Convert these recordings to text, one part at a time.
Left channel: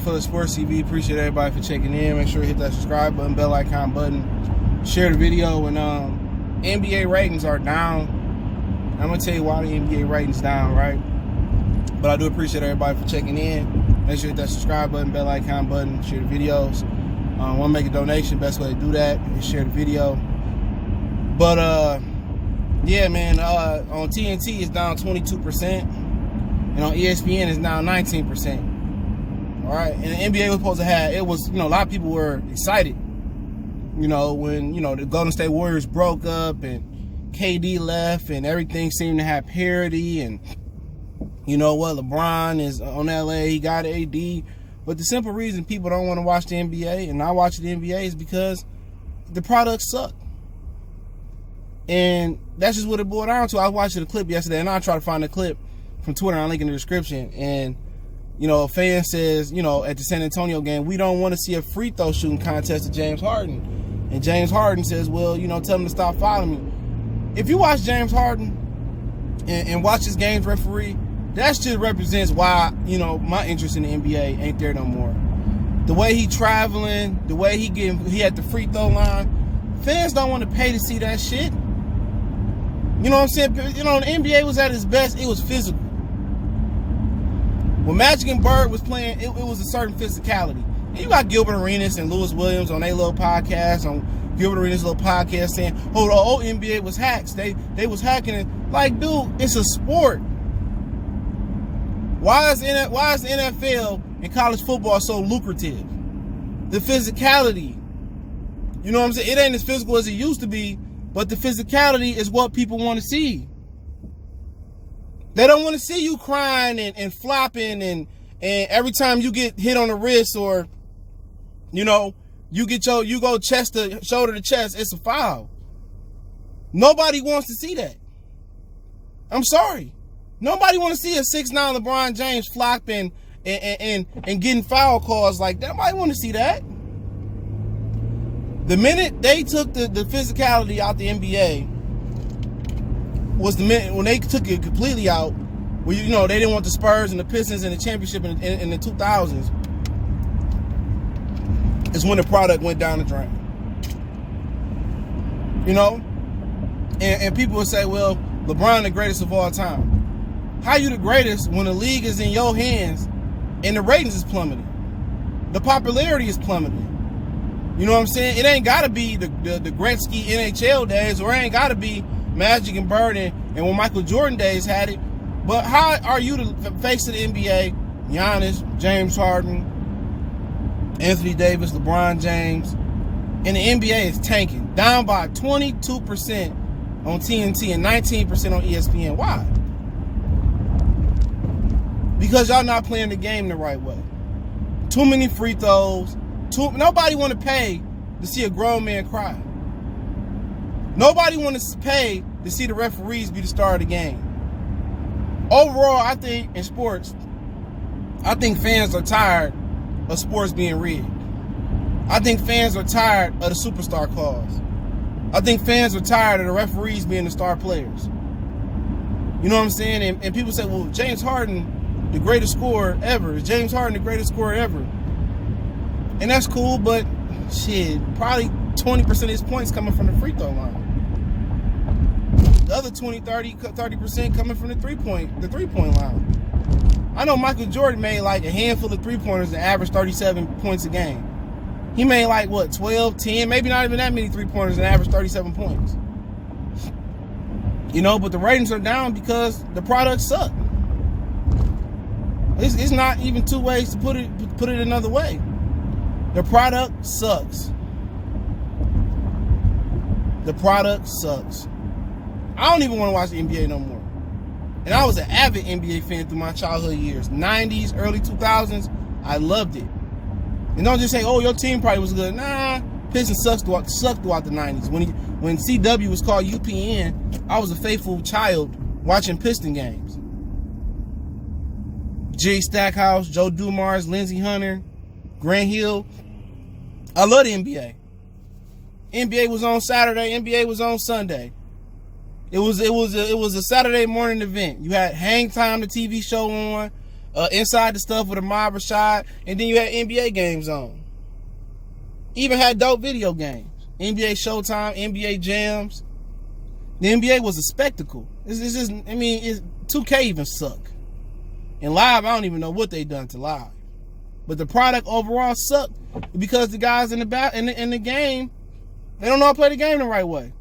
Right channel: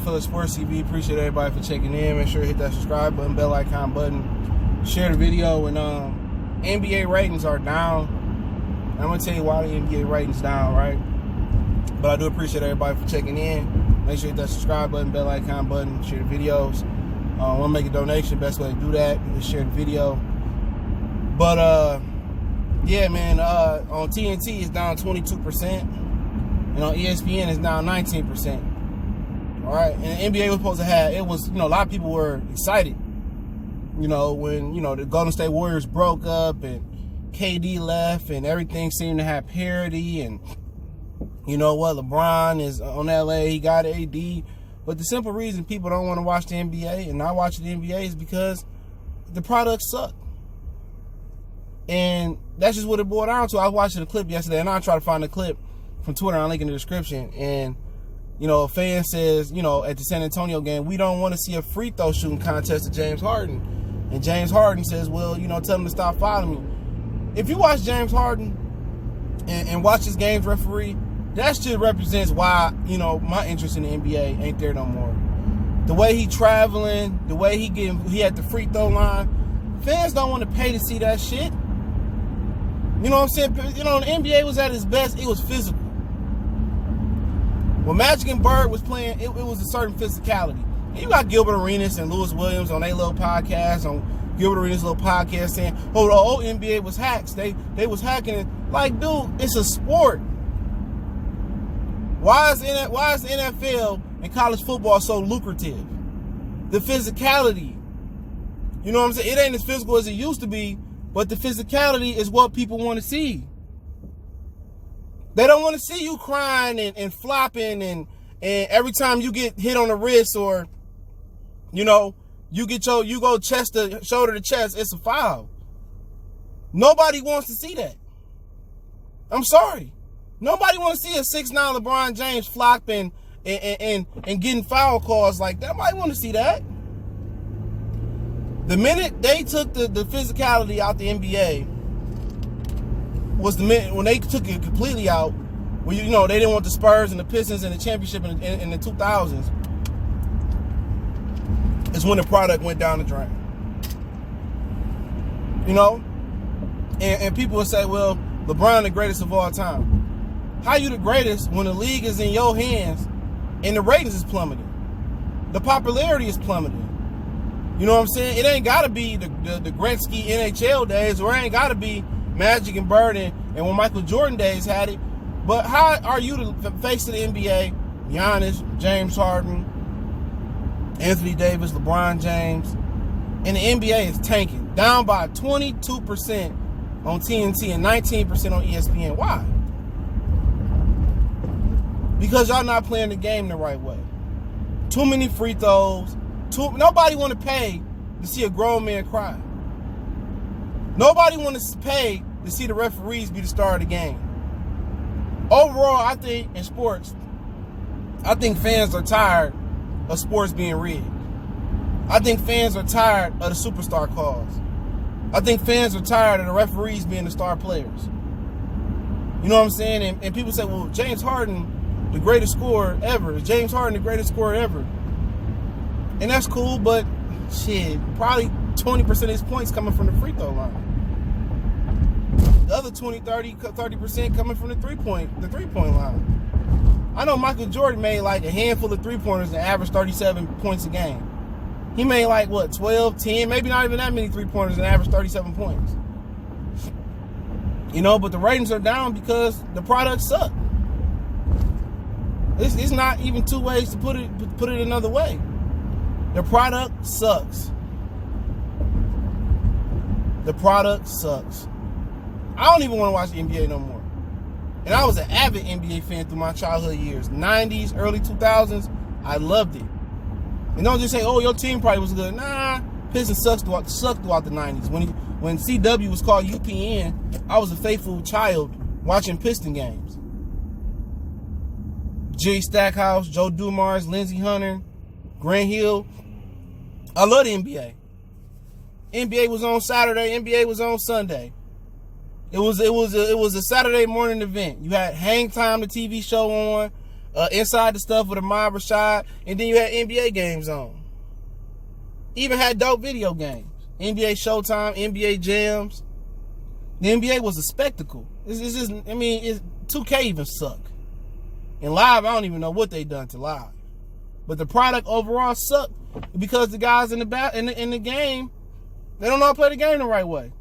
Phillips Sports TV. Appreciate everybody for checking in. Make sure you hit that subscribe button, bell icon button, share the video. And NBA ratings are down. I'm gonna tell you why the NBA ratings down, right? But I do appreciate everybody for checking in. Make sure you hit that subscribe button, bell icon button, share the videos. Want to make a donation? Best way to do that is share the video. But yeah, man. On TNT it's down 22%, and on ESPN it's down 19%. All right, and the NBA was supposed to have, it was, a lot of people were excited, when, the Golden State Warriors broke up and KD left and everything seemed to have parity, and LeBron is on LA, he got AD, but the simple reason people don't want to watch the NBA and not watch the NBA is because the products suck. And that's just what it boiled down to. I was watching the clip yesterday, and I tried to find the clip from Twitter, I'll link in the description, and a fan says, at the San Antonio game, we don't want to see a free throw shooting contest to James Harden. And James Harden says, well, tell him to stop fouling me. If you watch James Harden and watch his games referee, that just represents why, my interest in the NBA ain't there no more. The way he traveling, the way he at the free throw line, fans don't want to pay to see that shit. You know what I'm saying? The NBA was at its best, it was physical. When Magic and Bird was playing, it was a certain physicality. And you got Gilbert Arenas and Lewis Williams on their little podcast, on Gilbert Arenas' little podcast saying, oh, the old NBA was hacks. They was hacking it. Like, dude, it's a sport. Why is the NFL and college football so lucrative? The physicality. You know what I'm saying? It ain't as physical as it used to be, but the physicality is what people want to see. They don't want to see you crying and flopping and every time you get hit on the wrist, or you go chest to shoulder to chest, it's a foul. Nobody wants to see that. I'm sorry. Nobody wants to see a 6'9" LeBron James flopping and getting foul calls like that. Nobody want to see that. The minute they took the physicality out the NBA was the minute when they took it completely out. Well, they didn't want the Spurs and the Pistons in the championship in the 2000s. Is when the product went down the drain. And people would say, well, LeBron the greatest of all time. How you the greatest when the league is in your hands and the ratings is plummeting? The popularity is plummeting. You know what I'm saying? It ain't got to be the Gretzky NHL days, or it ain't got to be Magic and Bird and when Michael Jordan days had it. But how are you the face of the NBA? Giannis, James Harden, Anthony Davis, LeBron James, and the NBA is tanking, down by 22% on TNT and 19% on ESPN. Why? Because y'all not playing the game the right way. Too many free throws. Nobody want to pay to see a grown man cry. Nobody want to pay to see the referees be the star of the game. Overall, I think in sports, fans are tired of sports being rigged. I think fans are tired of the superstar calls. I think fans are tired of the referees being the star players. You know what I'm saying? And people say, well, James Harden, the greatest scorer ever. Is James Harden the greatest scorer ever? And that's cool, but shit, probably 20% of his points coming from the free throw line. The other 30% coming from the three-point line. I know Michael Jordan made like a handful of three-pointers and averaged 37 points a game. He made like, 12, 10, maybe not even that many three-pointers and averaged 37 points. But the ratings are down because the products suck. It's not even two ways to put it another way. The product sucks. The product sucks. I don't even want to watch the NBA no more. And I was an avid NBA fan through my childhood years. 90s, early 2000s, I loved it. And don't just say, oh, your team probably was good. Nah, Pistons sucked throughout the 90s. When CW was called UPN, I was a faithful child watching Piston games. Jerry Stackhouse, Joe Dumars, Lindsey Hunter, Grant Hill. I love the NBA. NBA was on Saturday, NBA was on Sunday. It was a Saturday morning event. You had Hang Time, the TV show on. Inside the Stuff with Ahmad Rashad, and then you had NBA games on. Even had dope video games. NBA Showtime, NBA Jams. The NBA was a spectacle. It's just, 2K even suck. And live, I don't even know what they done to live. But the product overall sucked because the guys in the game, they don't know how to play the game the right way.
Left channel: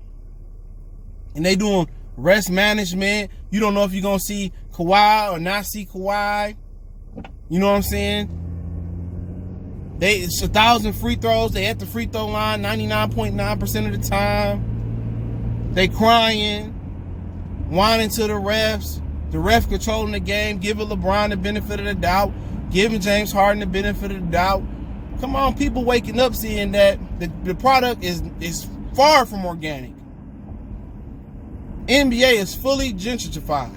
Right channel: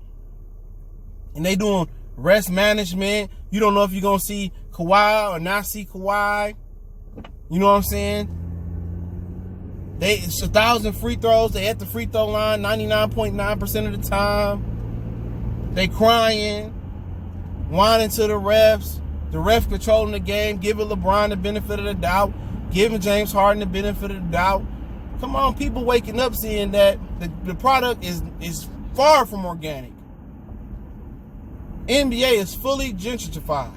And they doing rest management. You don't know if you're going to see Kawhi or not see Kawhi. You know what I'm saying? It's 1,000 free throws. They at the free throw line 99.9% of the time. They crying, whining to the refs. The ref controlling the game, giving LeBron the benefit of the doubt, giving James Harden the benefit of the doubt. Come on, people waking up seeing that the product is far from organic. NBA is fully gentrified.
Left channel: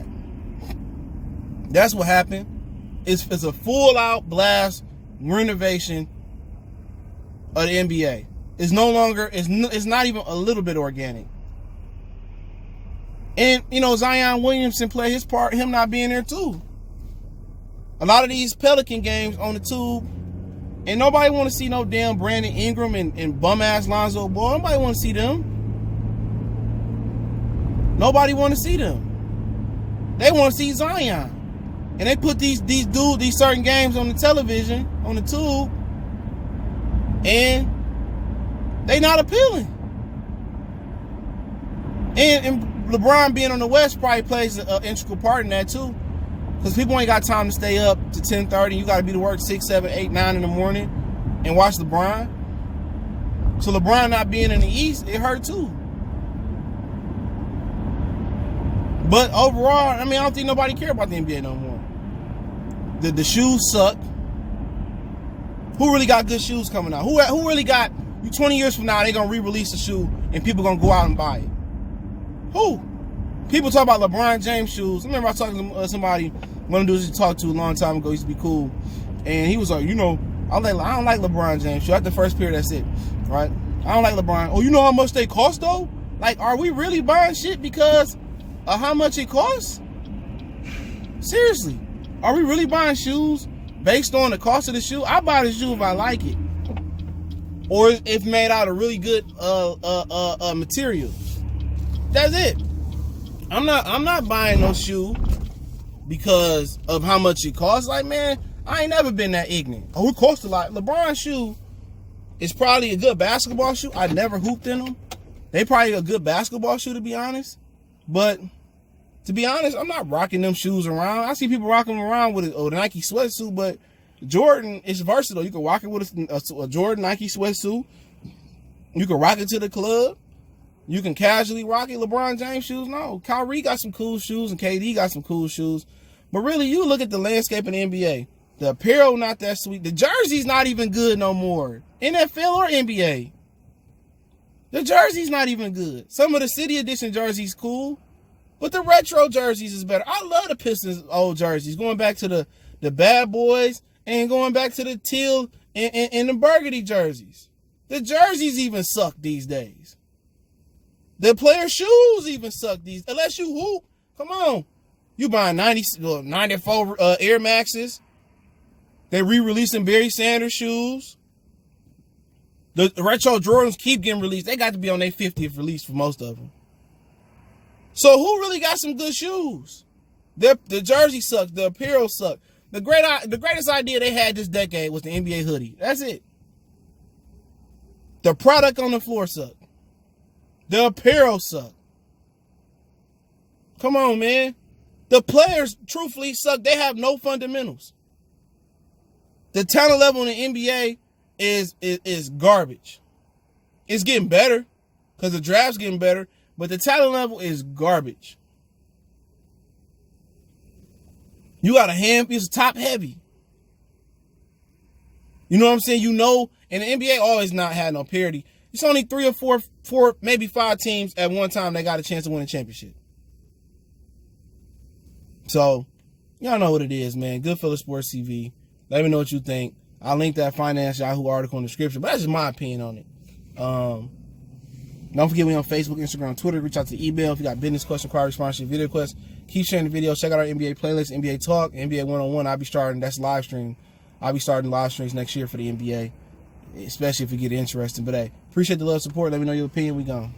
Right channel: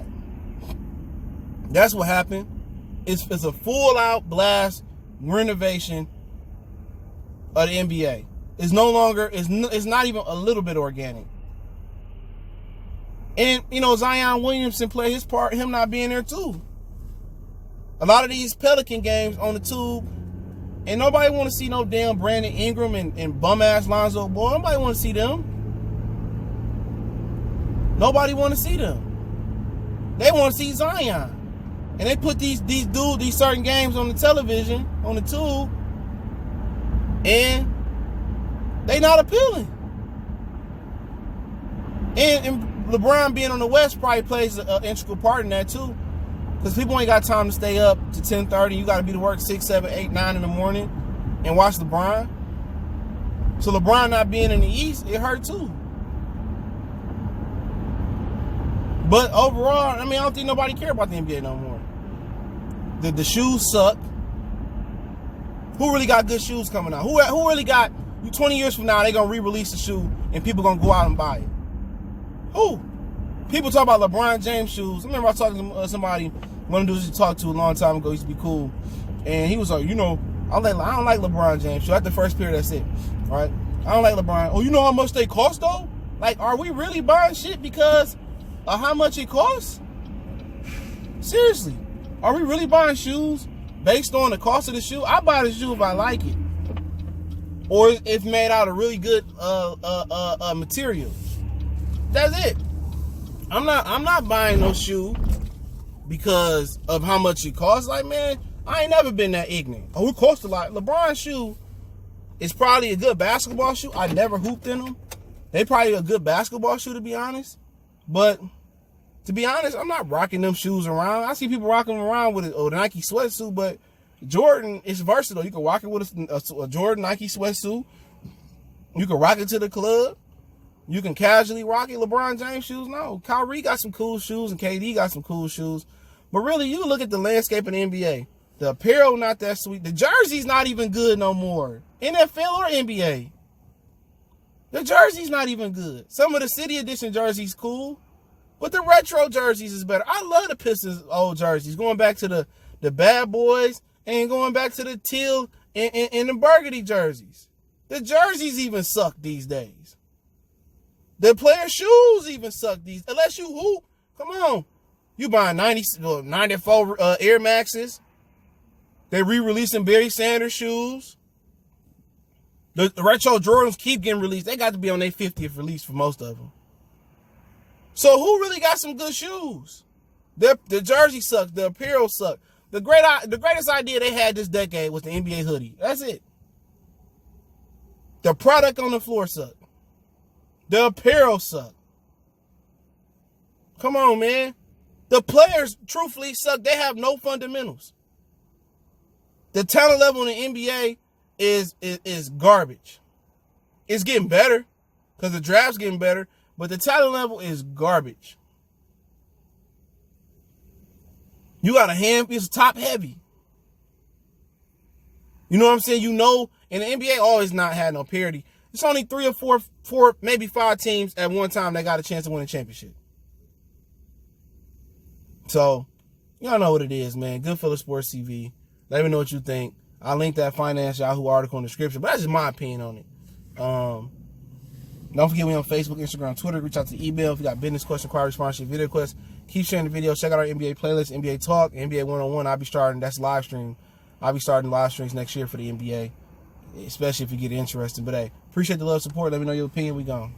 That's what happened. It's a full-out blast renovation of the NBA. It's no longer, it's not even a little bit organic. And, Zion Williamson played his part, him not being there too. A lot of these Pelican games on the tube, and nobody want to see no damn Brandon Ingram and bum-ass Lonzo Ball. Nobody want to see them. Nobody want to see them. They want to see Zion. And they put these certain games on the television, on the tube, and they not appealing. And LeBron being on the West probably plays an integral part in that too. Because people ain't got time to stay up to 10:30. You got to be to work 6, 7, 8, 9 in the morning and watch LeBron. So LeBron not being in the East, it hurt too. But overall, I don't think nobody care about the NBA no more. The shoes suck. Who really got good shoes coming out? Who really got, 20 years from now, they going to re-release the shoe and people going to go out and buy it? Who? People talk about LeBron James shoes. I remember I was talking to somebody, one of the dudes you talked to a long time ago, used to be cool. And he was like, I don't like LeBron James shoes. That's the first period, that's it. Right? I don't like LeBron. Oh, you know how much they cost though? Like, are we really buying shit because of how much it costs? Seriously. Are we really buying shoes based on the cost of the shoe? I buy the shoe if I like it. Or if made out of really good material. That's it. I'm not buying no shoe because of how much it costs. Like, man, I ain't never been that ignorant. Oh, it costs a lot. LeBron's shoe is probably a good basketball shoe. I never hooped in them. They probably a good basketball shoe, to be honest. But to be honest, I'm not rocking them shoes around. I see people rocking them around with the Nike sweatsuit, but Jordan is versatile. You can rock it with a Jordan Nike sweatsuit. You can rock it to the club. You can casually rock it. LeBron James shoes, no. Kyrie got some cool shoes and KD got some cool shoes. But really, you look at the landscape in the NBA. The apparel not that sweet. The jersey's not even good no more. NFL or NBA. The jersey's not even good. Some of the City Edition jerseys cool. But the retro jerseys is better. I love the Pistons old jerseys. Going back to the Bad Boys and going back to the teal and the burgundy jerseys. The jerseys even suck these days. The player shoes even suck these. Unless you hoop. Come on. You buying 94 Air Maxes. They re-releasing Barry Sanders shoes. The retro Jordans keep getting released. They got to be on their 50th release for most of them. So who really got some good shoes? The jersey sucked. The apparel sucked. The greatest idea they had this decade was the NBA hoodie. That's it. The product on the floor sucked. The apparel sucked. Come on, man. The players, truthfully, suck. They have no fundamentals. The talent level in the NBA is garbage. It's getting better because the draft's getting better. But the talent level is garbage. You got it's top heavy. You know what I'm saying? And the NBA always not had no parity. It's only 3 or 4, maybe 5 teams at one time that got a chance to win a championship. So, y'all know what it is, man. Goodfellas Sports TV. Let me know what you think. I'll link that Finance Yahoo article in the description, but that's just my opinion on it. Don't forget we on Facebook, Instagram, Twitter. Reach out to the email if you got business questions, inquiries, sponsorship, video requests. Keep sharing the video. Check out our NBA playlist, NBA Talk, NBA 101. I'll be starting. That's live stream. I'll be starting live streams next year for the NBA, especially if you get interested. But hey, appreciate the love, support. Let me know your opinion. We gone.